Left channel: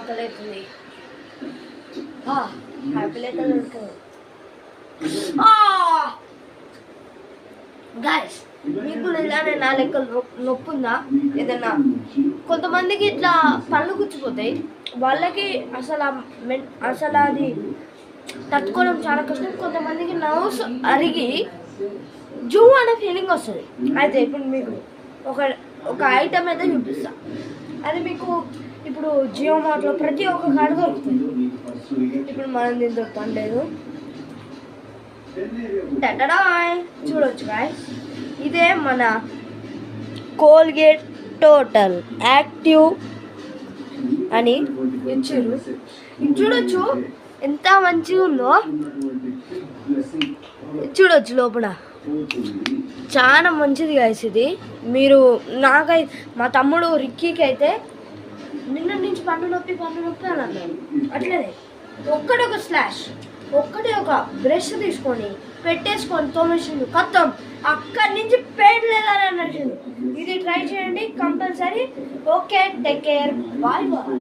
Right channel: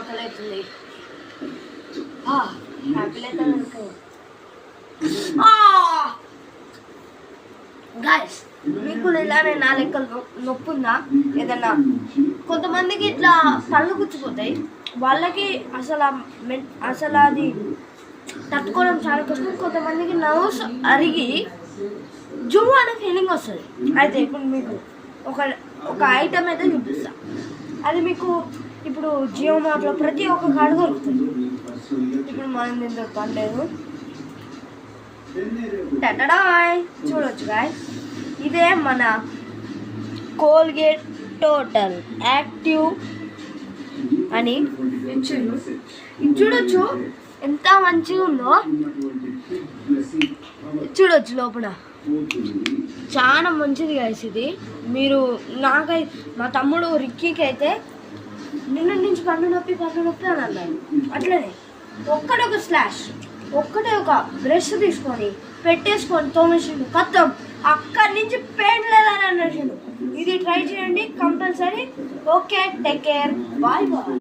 ఆకలి అవుతుంది. హ్యాపీ అయితే గాయస్, మీకు ఇలానే నా లెక్కలు నొప్పి ఉందా? ఏదన్నా కొంతమందికి ఇట్లా పళ్ళు గుచ్చిపోతాయి, వాళ్ళకి అసలు అది తట్టుకోవడం చాలా కష్టం. కొంతమందికి నర్వ్స్ అరిగి జూ అనే ఫీలింగ్ వస్తుంది. అయితే ఇప్పుడు మీకు ఒక ఐటమ్ అయితే చూపిస్తా. అది మీకు ఇప్పుడు జియో మార్ట్లో ప్రతి ఒక్క కాడ దొరుకుతుంది. ఇప్పుడు మనం దీని దొరకలేదు. చూడవచ్చు గాయస్, ఇదే మన కోల్గేట్ టోటల్ యాక్టివ్ అని ఇచ్చారు. ఇది చూడొచ్చు ఎంత మంచిగా ఉందో. చూడొచ్చు లోపల చాలా మంచిది గాయస్. ఇది మీరు మా తమ్ముడు రిక్కీకి అయితే నిన్న నుంచి పన్ను నొప్పి అని అన్నాడు. అట్లనే ఒక్కటే ఒక బ్రష్ తీసుకొని పెట్టేసుకొని తోమేసిండు, కత్తం అక్కడి నుంచి పెయిన్ లేదని అన్నాడు. ఇది ట్రై చేయండి compulsory. Okay, take care, bye bye.